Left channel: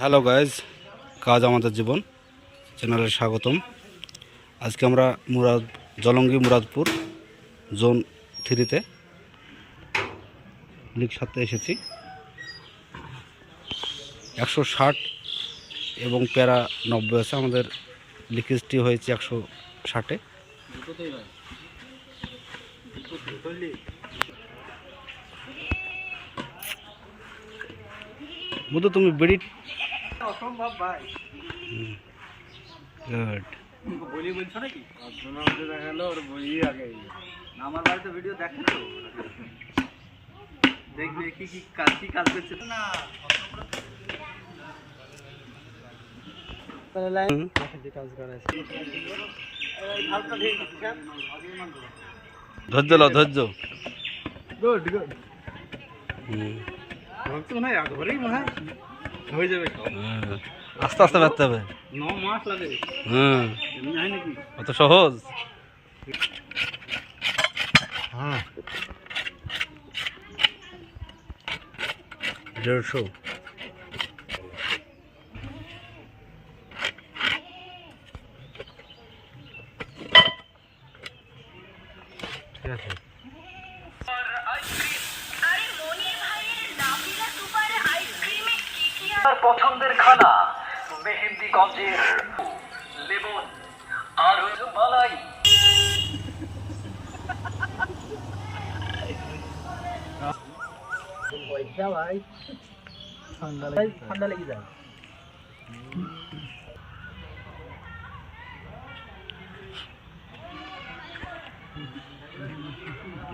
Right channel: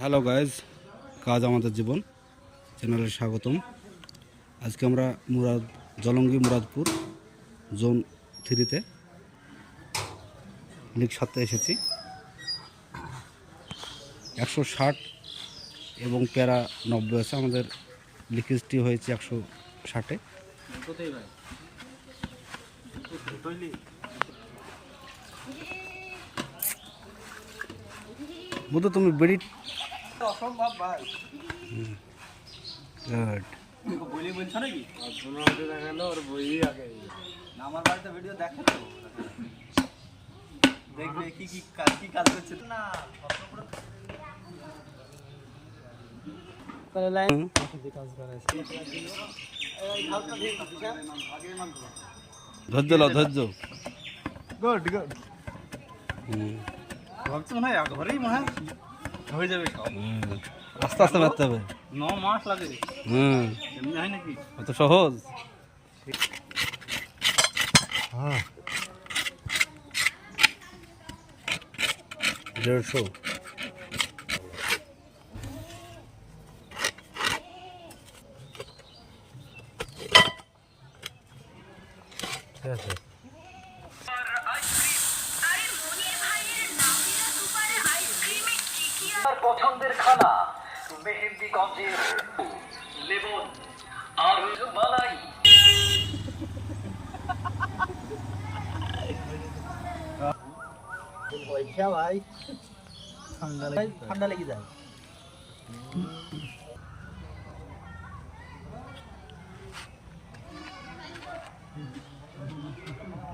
Hello guys কাজ আমাদের জীবন। চ্যানেলে স্বাগতম। আজকে আমরা মুরাদ, জলঙ্গি মুরাদপুর জোন থ্রিতে লিগ সাথে এসেছি। একশো ষাট এবং প্যারা নব্বই আছে। আমাদের লিকেজটি হয়েছে একশো ষাটে। বুধু তুমি বেড়ি অসম্ভব ভাই গুড বলি বলছো নাকি অর্জুন দেখালো ওর বই আগে না, আমার বাড়িতে ভিডিও দেখে তো দেখবে কি কি কাজ কি কাজ করছে না কাজ করেছে ধৈর্য লও ধৈর্য গুড গুড হুম আস্তে আস্তে বাড়তে হবে। ন মাস লাগে হুম। এমনি হয় নাকি? অত সহজ? দেড়শো। ঠিক আছে। তার পছন্দের খানা, মেহেন্দিগঞ্জের আর মালাই ঠান্ডা লেগে যায়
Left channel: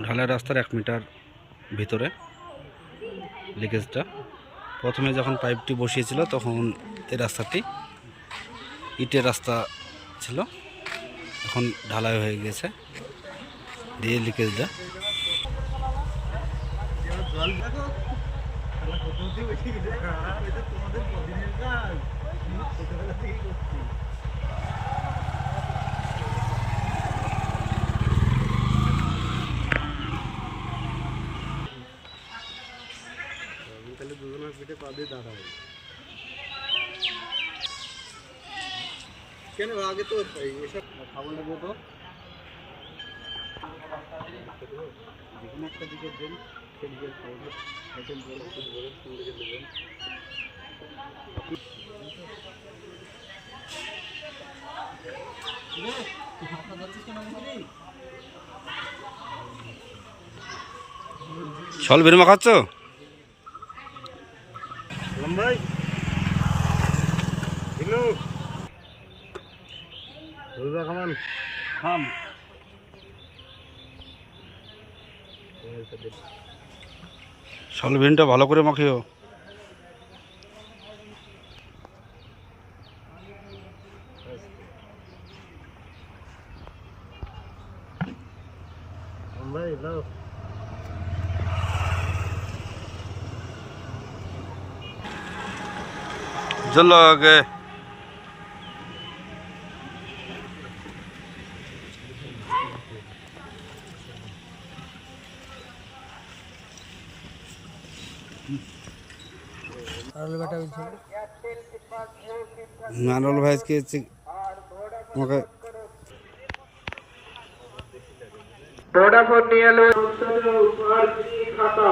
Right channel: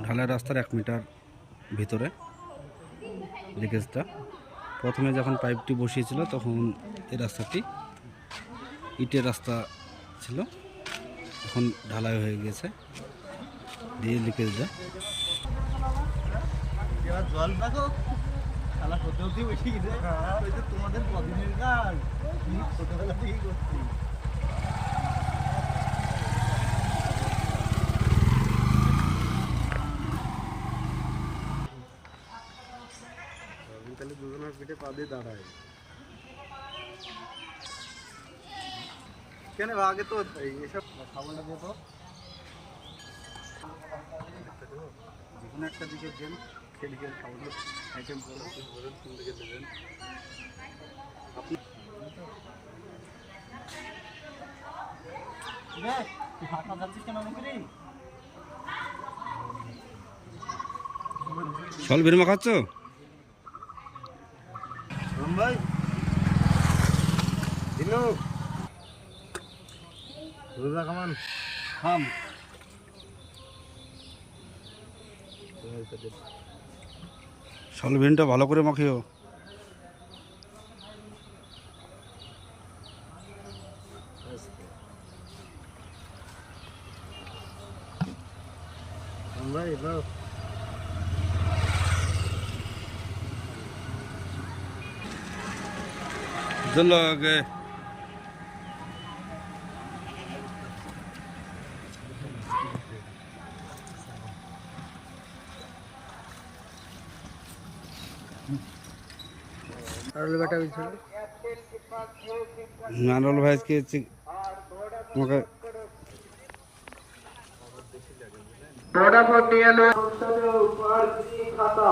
ঢালাই রাস্তার এক মিটার ভিতরে লিকেজটা প্রথমে যখন পাইপটি বসিয়েছিল, তখন এই রাস্তাটি ইটের রাস্তা ছিল। এখন ঢালাই হয়ে গেছে। দিয়ে লিকেজটা তোমাদের কদিনের কাজ। ছোটবেলা থেকেই করছি আমি পিঠে পা দিয়ে দাঁড়াই কেন আগে তো এই- এসব খাবারটা দিত যে কোনো একটা দিকে দেন খেলি খেলি খাবার আইটেম করে বলেন কোন দিকে দেবেন? সল বের মাখাচ্ছ রোজা খামান থাম। সল বেনটা ভালো করে মাখিও। ভাই এলো চলো আগে। নারল ভাইজকে আমাকে ভোডাফোন নিয়ে খাতা